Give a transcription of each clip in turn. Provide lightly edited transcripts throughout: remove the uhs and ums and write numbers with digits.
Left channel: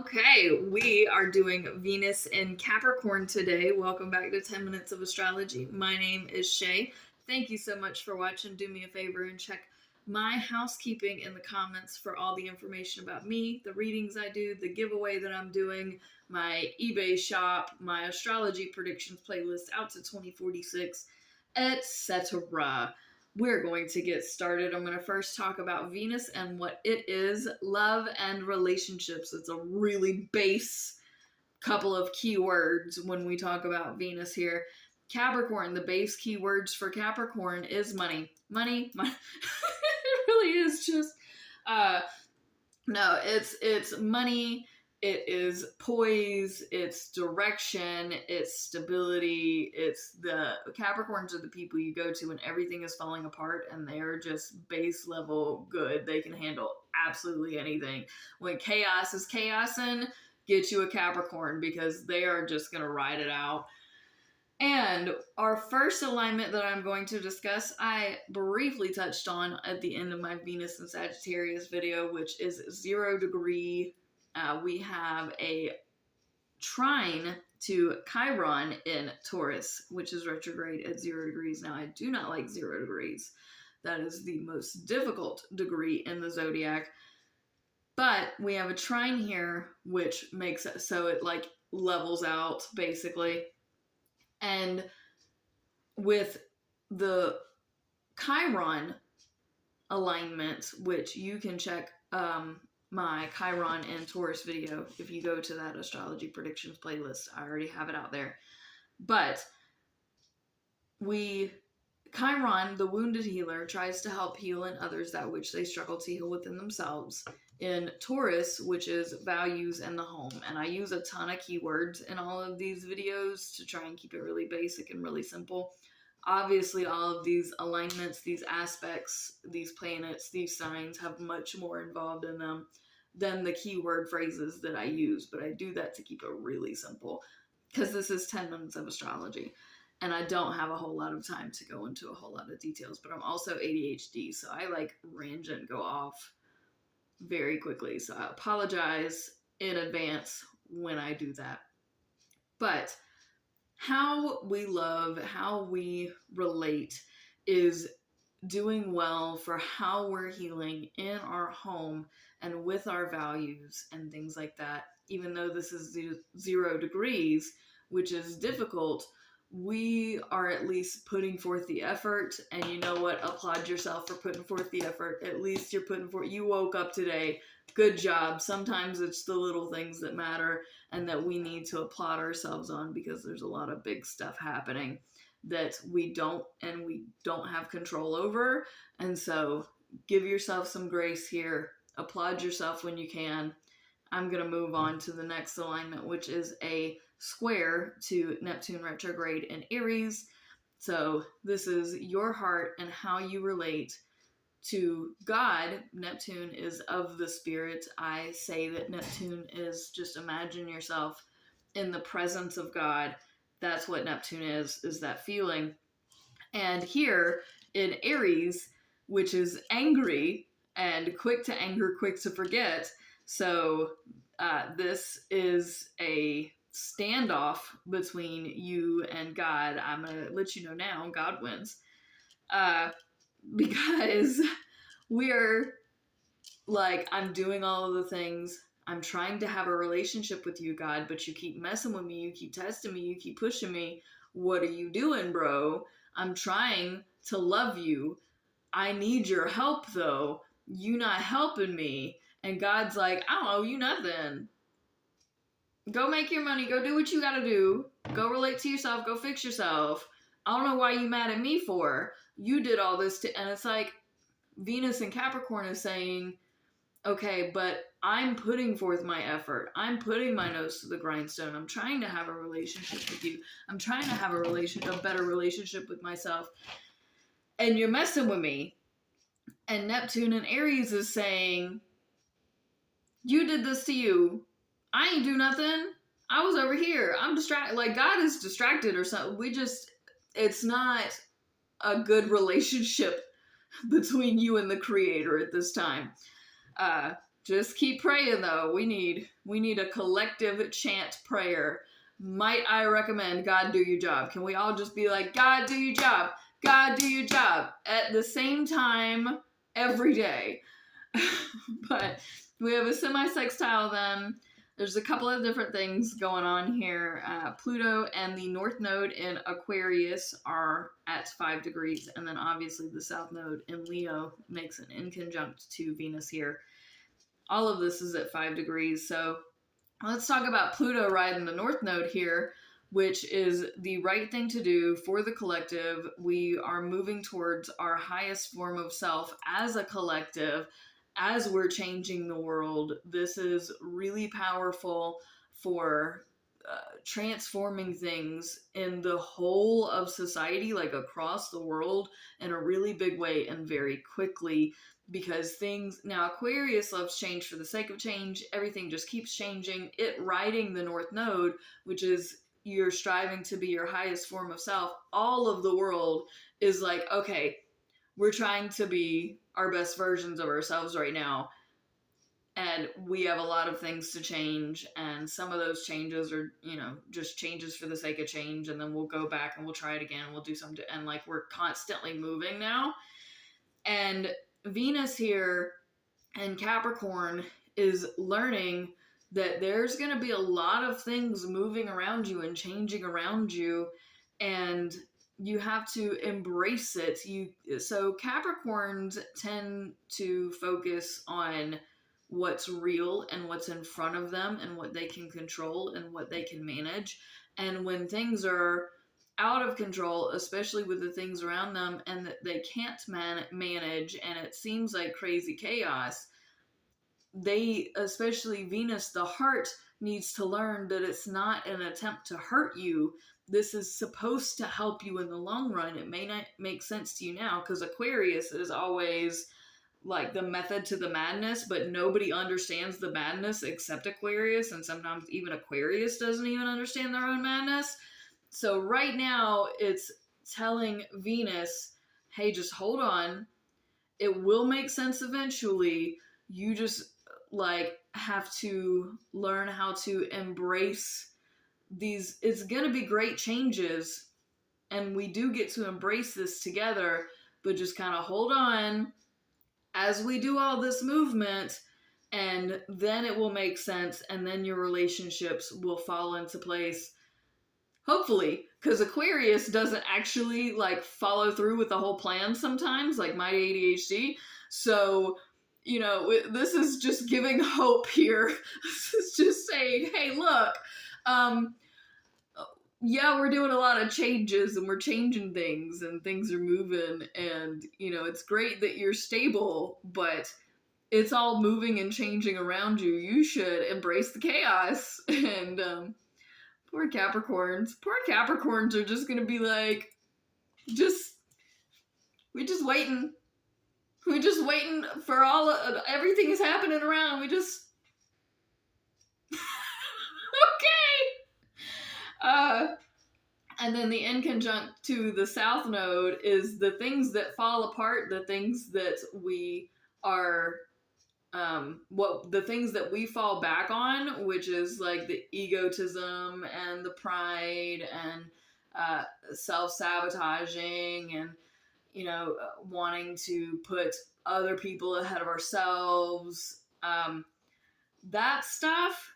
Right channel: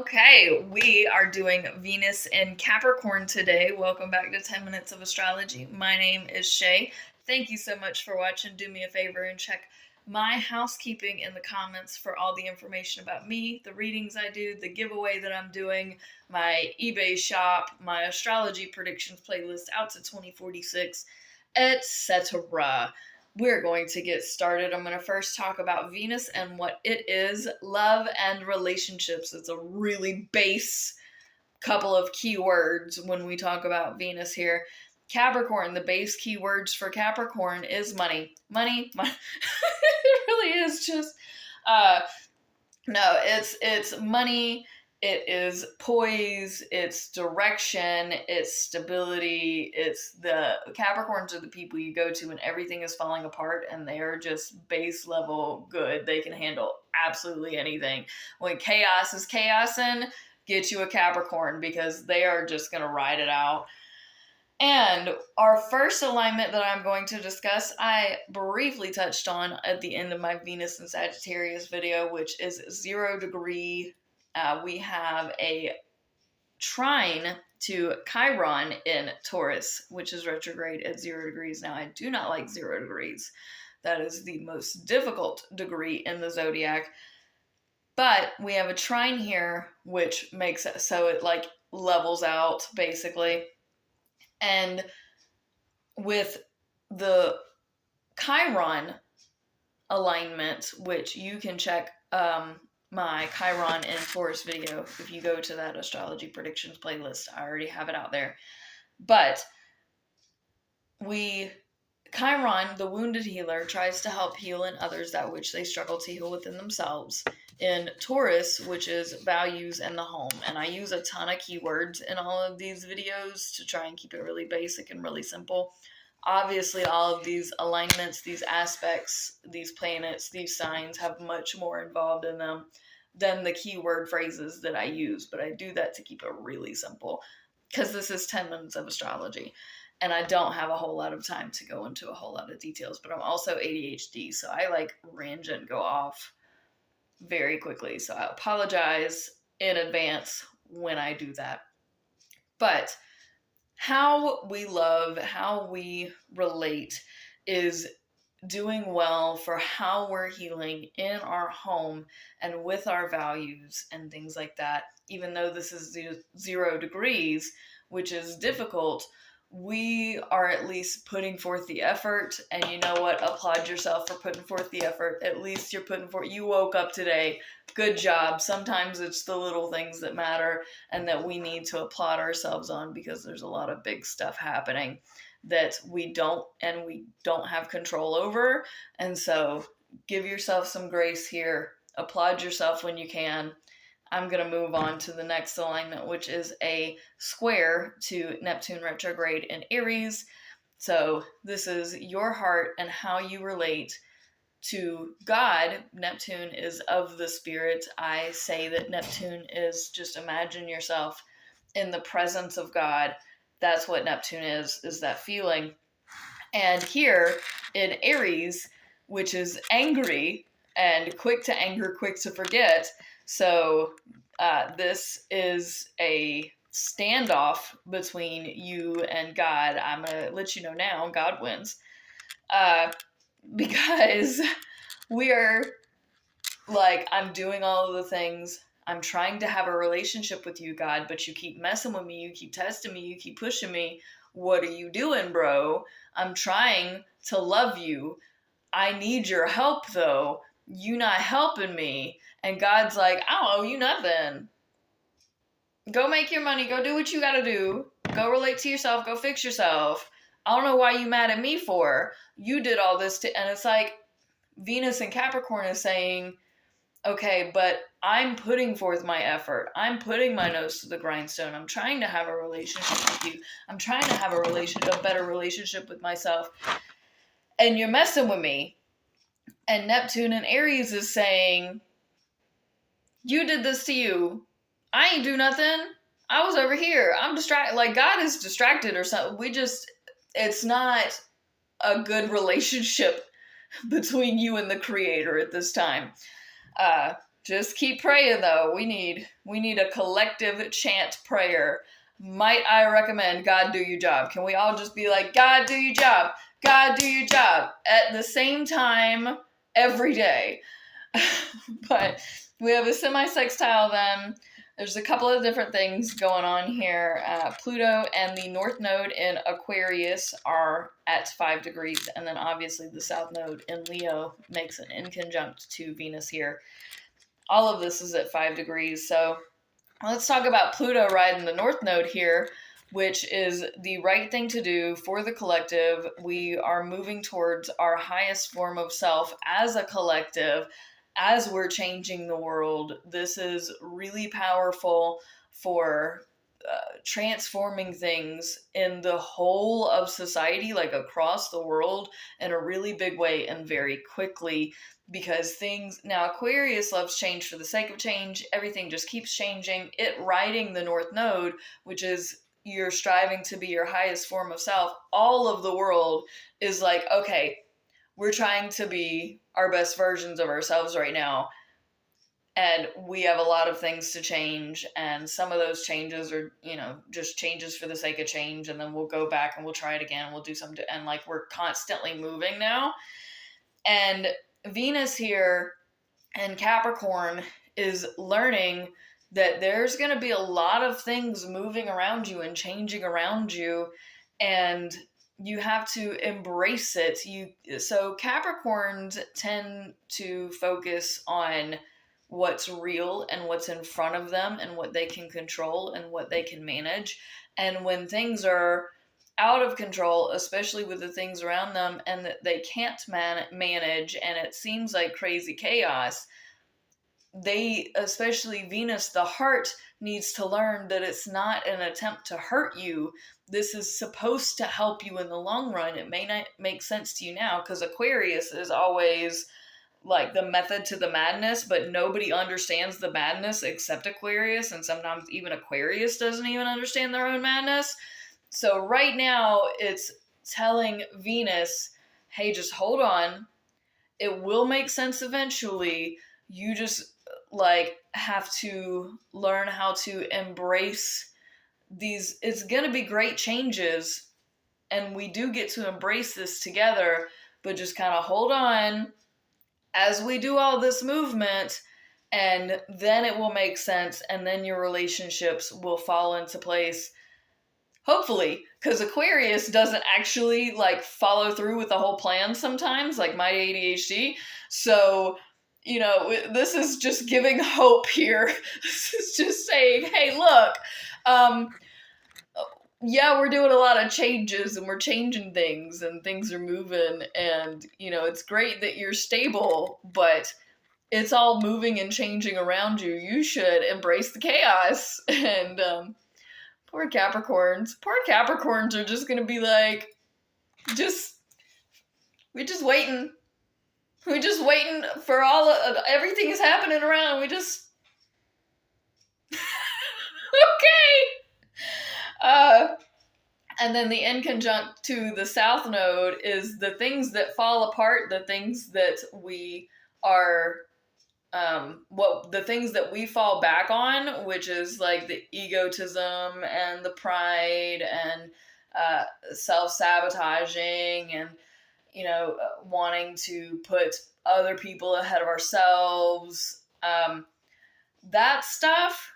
Okay, we are doing Venus in Capricorn today. Welcome back to 10 Minutes of Astrology. My name is Shay. Thank you so much for watching. Do me a favor and check my housekeeping in the comments for all the information about me, the readings I do, the giveaway that I'm doing, my eBay shop, my astrology predictions playlist out to 2046, etc. We're going to get started. I'm going to first talk about Venus and what it is, love and relationships. It's a really base couple of keywords when we talk about Venus here. Capricorn, the base keywords for Capricorn is money. Money. It really is just no, it's money, it is poise, it's direction, it's stability, it's the Capricorns are the people you go to when everything is falling apart and they are just base level good. They can handle absolutely anything. When chaos is chaosing, get you a Capricorn because they are just gonna ride it out. And our first alignment that I'm going to discuss, I briefly touched on at the end of my Venus and Sagittarius video, which is 0 degree. We have a trine to Chiron in Taurus, which is retrograde at 0 degrees. Now, I do not like 0 degrees. That is the most difficult degree in the zodiac. But we have a trine here, which makes it so it like levels out basically. And with the Chiron alignment, which you can check my Chiron in Taurus video if you go to that astrology predictions playlist. I already have it out there. But Chiron, the wounded healer, tries to help heal in others that which they struggle to heal within themselves. In Taurus, which is values and the home. And I use a ton of keywords in all of these videos to try and keep it really basic and really simple. Obviously, all of these alignments, these aspects, these planets, these signs have much more involved in them than the keyword phrases that I use. But I do that to keep it really simple because this is 10 minutes of astrology. And I don't have a whole lot of time to go into a whole lot of details. But I'm also ADHD, so I like range and go off very quickly. So I apologize in advance when I do that. But how we love, how we relate is doing well for how we're healing in our home and with our values and things like that. Even though this is 0 degrees, which is difficult, we are at least putting forth the effort. And you know what? Applaud yourself for putting forth the effort. At least you're putting forth, you woke up today. Good job. Sometimes it's the little things that matter and that we need to applaud ourselves on because there's a lot of big stuff happening that we don't have control over. And so give yourself some grace here. Applaud yourself when you can. I'm going to move on to the next alignment, which is a square to Neptune retrograde in Aries. So this is your heart and how you relate to God. Neptune is of the spirit. I say that Neptune is just imagine yourself in the presence of God. That's what Neptune is that feeling. And here in Aries, which is angry and quick to anger, quick to forget. So this is a standoff between you and God. I'm going to let you know now, God wins. Because we are like, I'm doing all of the things. I'm trying to have a relationship with you, God, but you keep messing with me. You keep testing me. You keep pushing me. What are you doing, bro? I'm trying to love you. I need your help, though. You not helping me. And God's like, I don't owe you nothing. Go make your money. Go do what you gotta do. Go relate to yourself. Go fix yourself. I don't know why you mad at me for. You did all this and it's like Venus and Capricorn is saying, okay, but I'm putting forth my effort. I'm putting my nose to the grindstone. I'm trying to have a relationship with you. I'm trying to have a better relationship with myself. And you're messing with me. And Neptune and Aries is saying, you did this to you. I ain't do nothing. I was over here. I'm distracted. Like, God is distracted or something. It's not a good relationship between you and the creator at this time. Just keep praying though. We need a collective chant prayer. Might I recommend God do your job? Can we all just be like, God do your job, God do your job at the same time every day? But we have a semi-sextile then. There's a couple of different things going on here. Pluto and the North Node in Aquarius are at 5 degrees, and then obviously the South Node in Leo makes an inconjunct to Venus here. All of this is at 5 degrees, so let's talk about Pluto riding the North Node here, which is the right thing to do for the collective. We are moving towards our highest form of self as a collective, as we're changing the world. This is really powerful for transforming things in the whole of society, like across the world, in a really big way and very quickly. Because things now, Aquarius loves change for the sake of change. Everything just keeps changing. It riding the North Node, which is you're striving to be your highest form of self. All of the world is like, okay, we're trying to be our best versions of ourselves right now, and we have a lot of things to change, and some of those changes are, just changes for the sake of change, and then we'll go back and we'll try it again, we'll do something, and like we're constantly moving now. And Venus here and Capricorn is learning that there's going to be a lot of things moving around you and changing around you, and you have to embrace it. So Capricorns tend to focus on what's real and what's in front of them and what they can control and what they can manage. And when things are out of control, especially with the things around them, and that they can't manage, and it seems like crazy chaos, especially Venus, the heart, needs to learn that it's not an attempt to hurt you. This is supposed to help you in the long run. It may not make sense to you now because Aquarius is always like the method to the madness, but nobody understands the madness except Aquarius, and sometimes even Aquarius doesn't even understand their own madness. So right now it's telling Venus, hey, just hold on. It will make sense eventually. You just have to learn how to embrace these. It's going to be great changes, and we do get to embrace this together, but just kind of hold on as we do all this movement, and then it will make sense, and then your relationships will fall into place. Hopefully, because Aquarius doesn't actually follow through with the whole plan sometimes, like my ADHD. So, this is just giving hope here. This is just saying, hey, look, yeah, we're doing a lot of changes and we're changing things and things are moving, and it's great that you're stable, but it's all moving and changing around you. You should embrace the chaos. And poor Capricorns are just gonna be like, we're just waiting for everything is happening around. We just okay. And then the inconjunct to the South Node is the things that fall apart, the things that we are, the things that we fall back on, which is like the egotism and the pride and self-sabotaging and, wanting to put other people ahead of ourselves. That stuff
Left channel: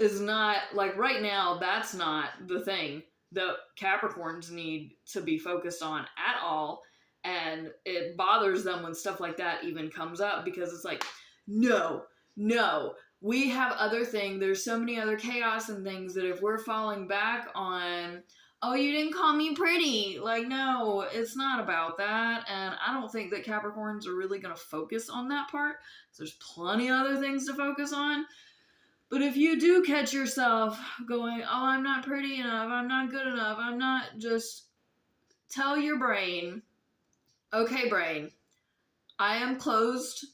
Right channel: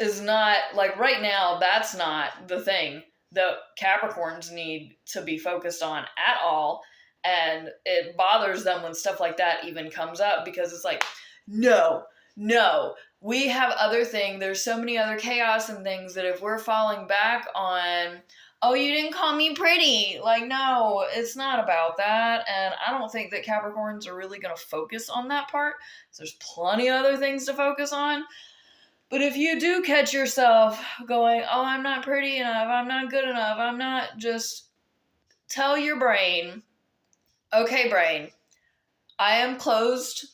is not, right now, that's not the thing that Capricorns need to be focused on at all. And it bothers them when stuff like that even comes up, because it's like, no, we have other things. There's so many other chaos and things that if we're falling back on, oh, you didn't call me pretty. No, it's not about that. And I don't think that Capricorns are really going to focus on that part. So there's plenty of other things to focus on. But if you do catch yourself going, oh, I'm not pretty enough, I'm not good enough, I'm not, just tell your brain, okay, brain, I am closed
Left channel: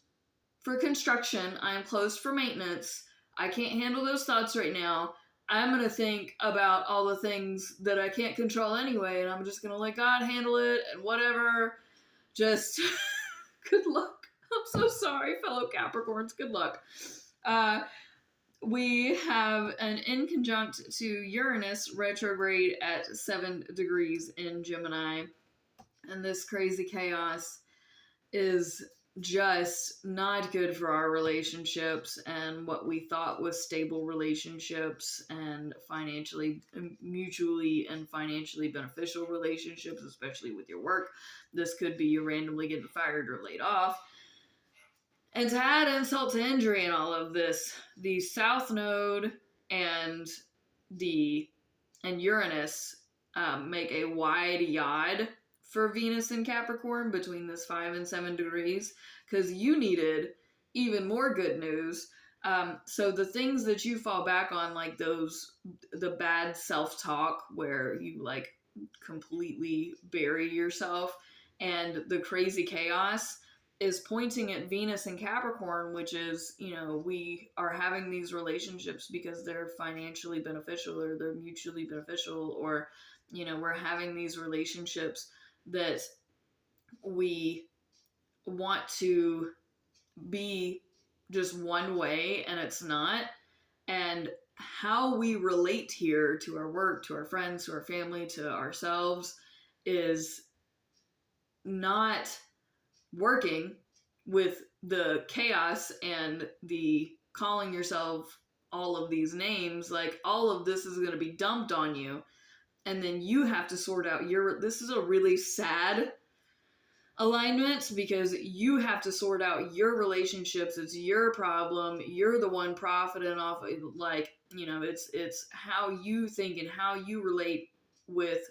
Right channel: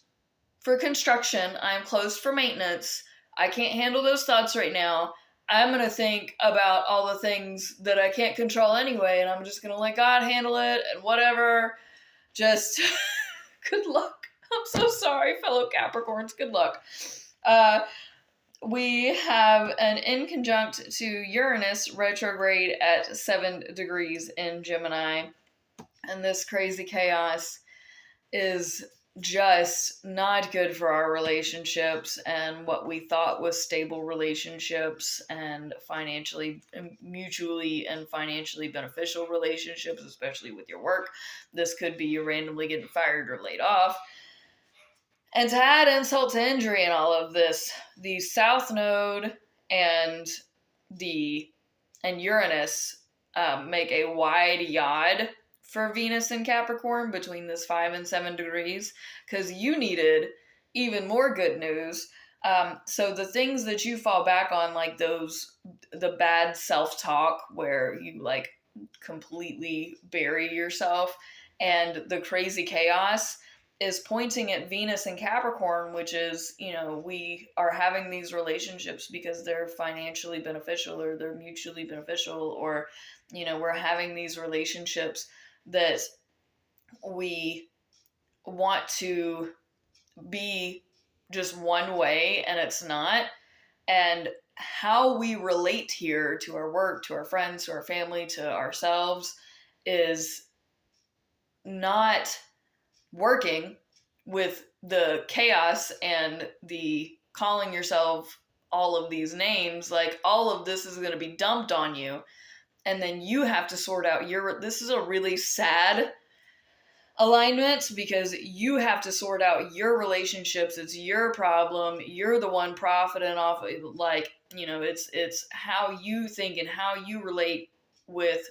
for construction, I am closed for maintenance, I can't handle those thoughts right now, I'm going to think about all the things that I can't control anyway, and I'm just going to let God handle it, and whatever, just good luck. I'm so sorry, fellow Capricorns. Good luck. We have an inconjunct to Uranus retrograde at 7 degrees in Gemini. And this crazy chaos is just not good for our relationships and what we thought was stable relationships and financially, mutually and financially beneficial relationships, especially with your work. This could be you randomly getting fired or laid off. And to add insult to injury in all of this, the South Node and Uranus make a wide yod for Venus and Capricorn between this 5 and 7 degrees, because you needed even more good news. So the things that you fall back on, like the bad self-talk where you like completely bury yourself, and the crazy chaos is pointing at Venus and Capricorn, which is, we are having these relationships because they're financially beneficial or they're mutually beneficial, or, we're having these relationships that we want to be just one way and it's not. And how we relate here to our work, to our friends, to our family, to ourselves is not working with the chaos and the calling yourself all of these names. Like, all of this is going to be dumped on you, and then you have to sort out this is a really sad alignment, because you have to sort out your relationships. It's your problem. You're the one profiting off, like, it's how you think and how you relate with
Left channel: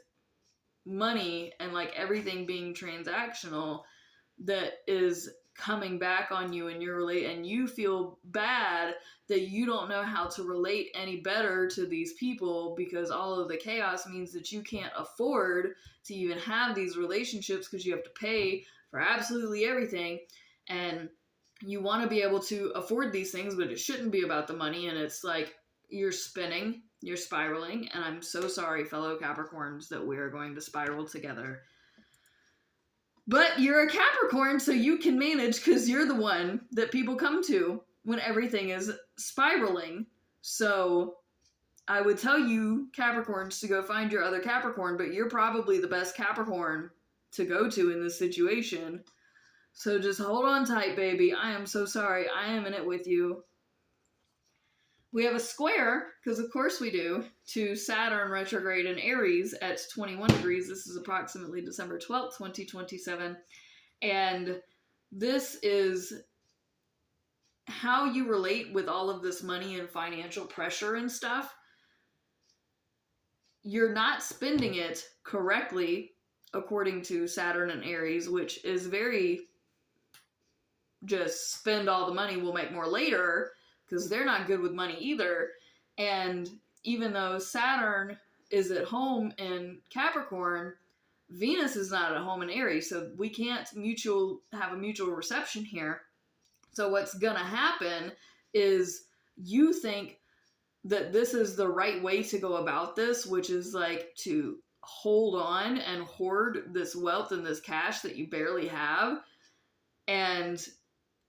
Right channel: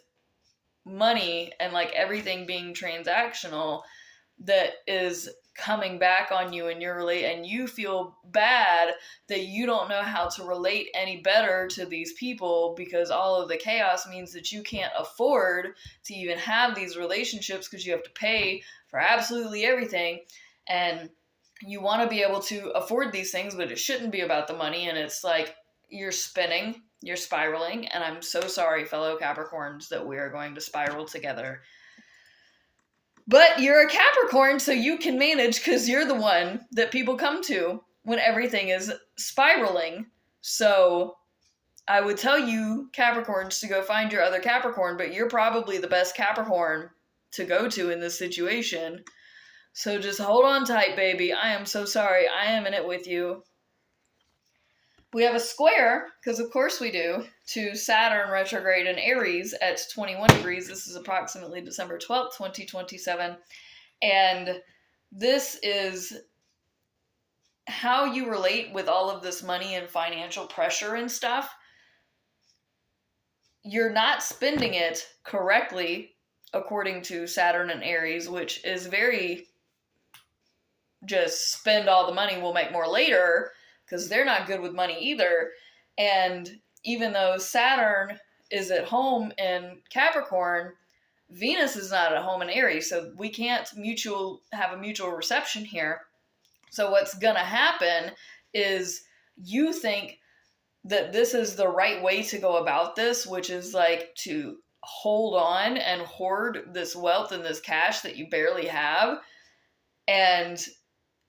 money, and like everything being transactional, that is coming back on you, and and you feel bad that you don't know how to relate any better to these people, because all of the chaos means that you can't afford to even have these relationships, because you have to pay for absolutely everything, and you want to be able to afford these things, but it shouldn't be about the money. And it's like you're spinning, you're spiraling, and I'm so sorry, fellow Capricorns, that we are going to spiral together. But you're a Capricorn, so you can manage, because you're the one that people come to when everything is spiraling. So I would tell you, Capricorns, to go find your other Capricorn, but you're probably the best Capricorn to go to in this situation. So just hold on tight, baby. I am so sorry. I am in it with you. We have a square, because of course we do, to Saturn retrograde in Aries at 21 degrees. This is approximately December 12th, 2027. And this is how you relate with all of this money and financial pressure and stuff. You're not spending it correctly, according to Saturn and Aries, which is very just spend all the money, we'll make more later, because they're not good with money either. And even though Saturn is at home in Capricorn, Venus is not at home in Aries, so we can't have a mutual reception here. So what's gonna happen is you think that this is the right way to go about this, which is like to hold on and hoard this wealth and this cash that you barely have. And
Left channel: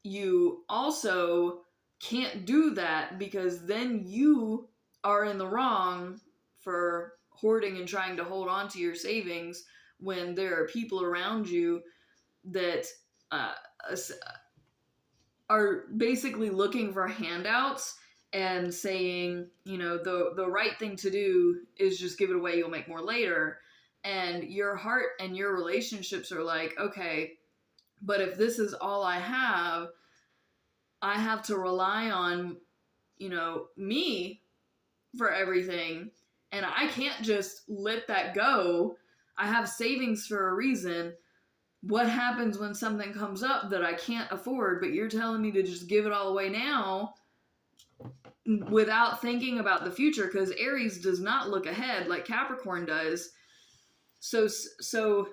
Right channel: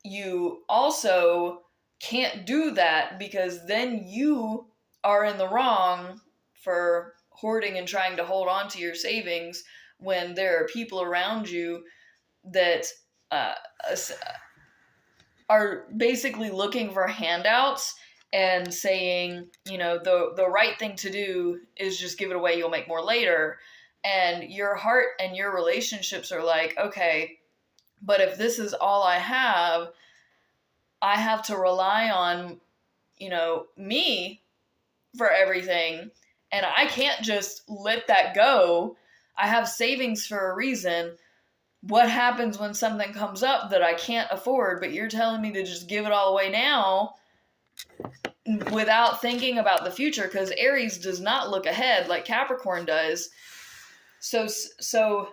you also can't do that, because then you are in the wrong for hoarding and trying to hold on to your savings when there are people around you that are basically looking for handouts and saying, the right thing to do is just give it away, you'll make more later. And your heart and your relationships are like, okay, but if this is all I have to rely on, me for everything. And I can't just let that go. I have savings for a reason. What happens when something comes up that I can't afford, but you're telling me to just give it all away now without thinking about the future? Because Aries does not look ahead like Capricorn does. So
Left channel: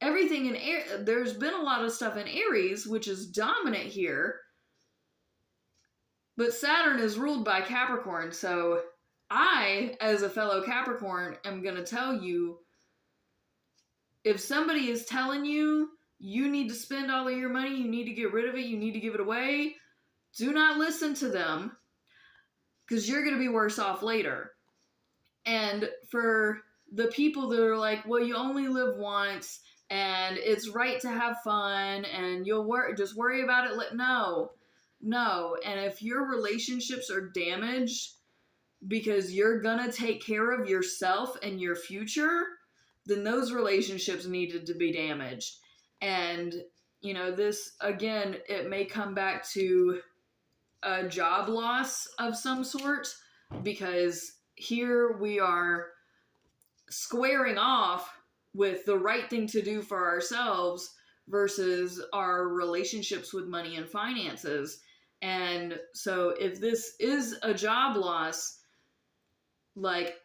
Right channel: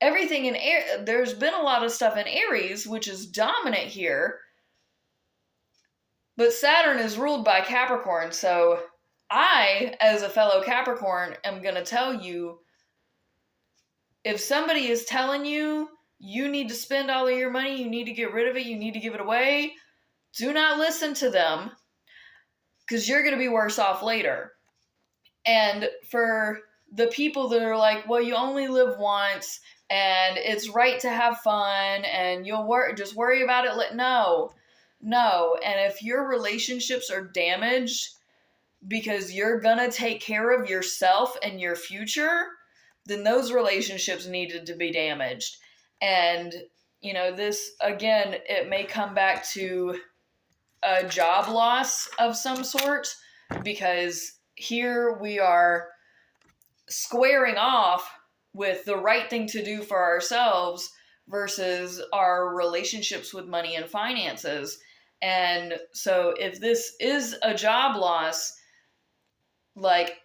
everything in there's been a lot of stuff in Aries, which is dominant here. But Saturn is ruled by Capricorn, so I, as a fellow Capricorn, am going to tell you, if somebody is telling you you need to spend all of your money, you need to get rid of it, you need to give it away, do not listen to them because you're going to be worse off later. And for the people that are like, well, you only live once and it's right to have fun and just worry about it. No. And if your relationships are damaged because you're going to take care of yourself and your future, then those relationships needed to be damaged. And, this, again, it may come back to a job loss of some sort, because here we are squaring off with the right thing to do for ourselves versus our relationships with money and finances. And so if this is a job loss, like,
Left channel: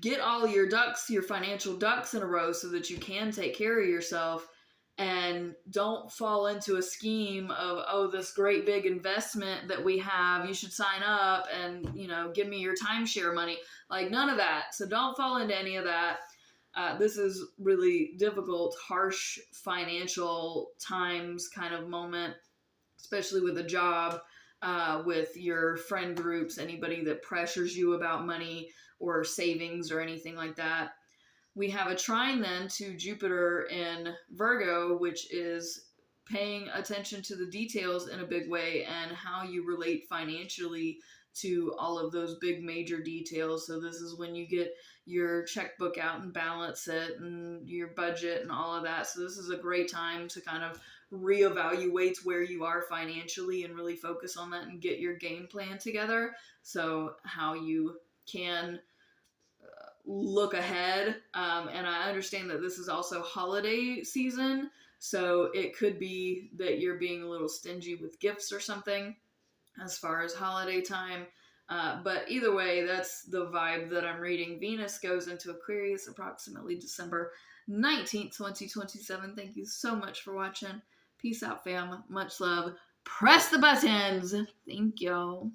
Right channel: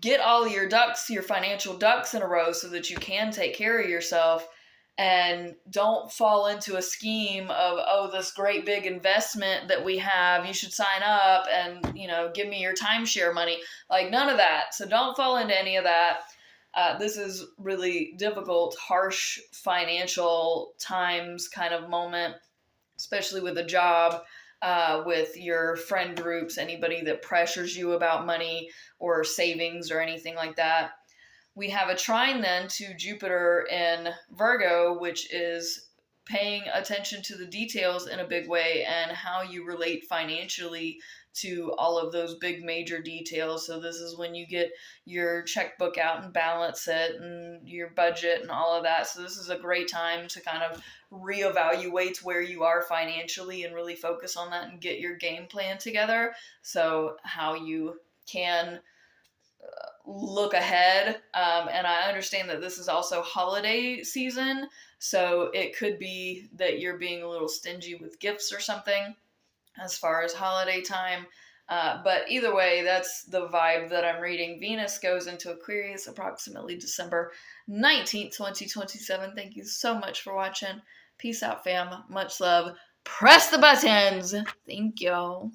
get all your financial ducks in a row so that you can take care of yourself, and don't fall into a scheme of, oh, this great big investment that we have, you should sign up and, give me your timeshare money. Like, none of that. So don't fall into any of that. This is really difficult, harsh financial times kind of moment, especially with a job, with your friend groups, anybody that pressures you about money or savings or anything like that. We have a trine then to Jupiter in Virgo, which is paying attention to the details in a big way and how you relate financially to all of those big major details. So this is when you get your checkbook out and balance it and your budget and all of that. So this is a great time to kind of reevaluate where you are financially and really focus on that and get your game plan together. So how you can look ahead. And I understand that this is also holiday season, so it could be that you're being a little stingy with gifts or something as far as holiday time. But either way, that's the vibe that I'm reading. Venus goes into Aquarius approximately December 19th, 2027. Thank you so much for watching. Peace out, fam. Much love. Press the buttons. Thank you.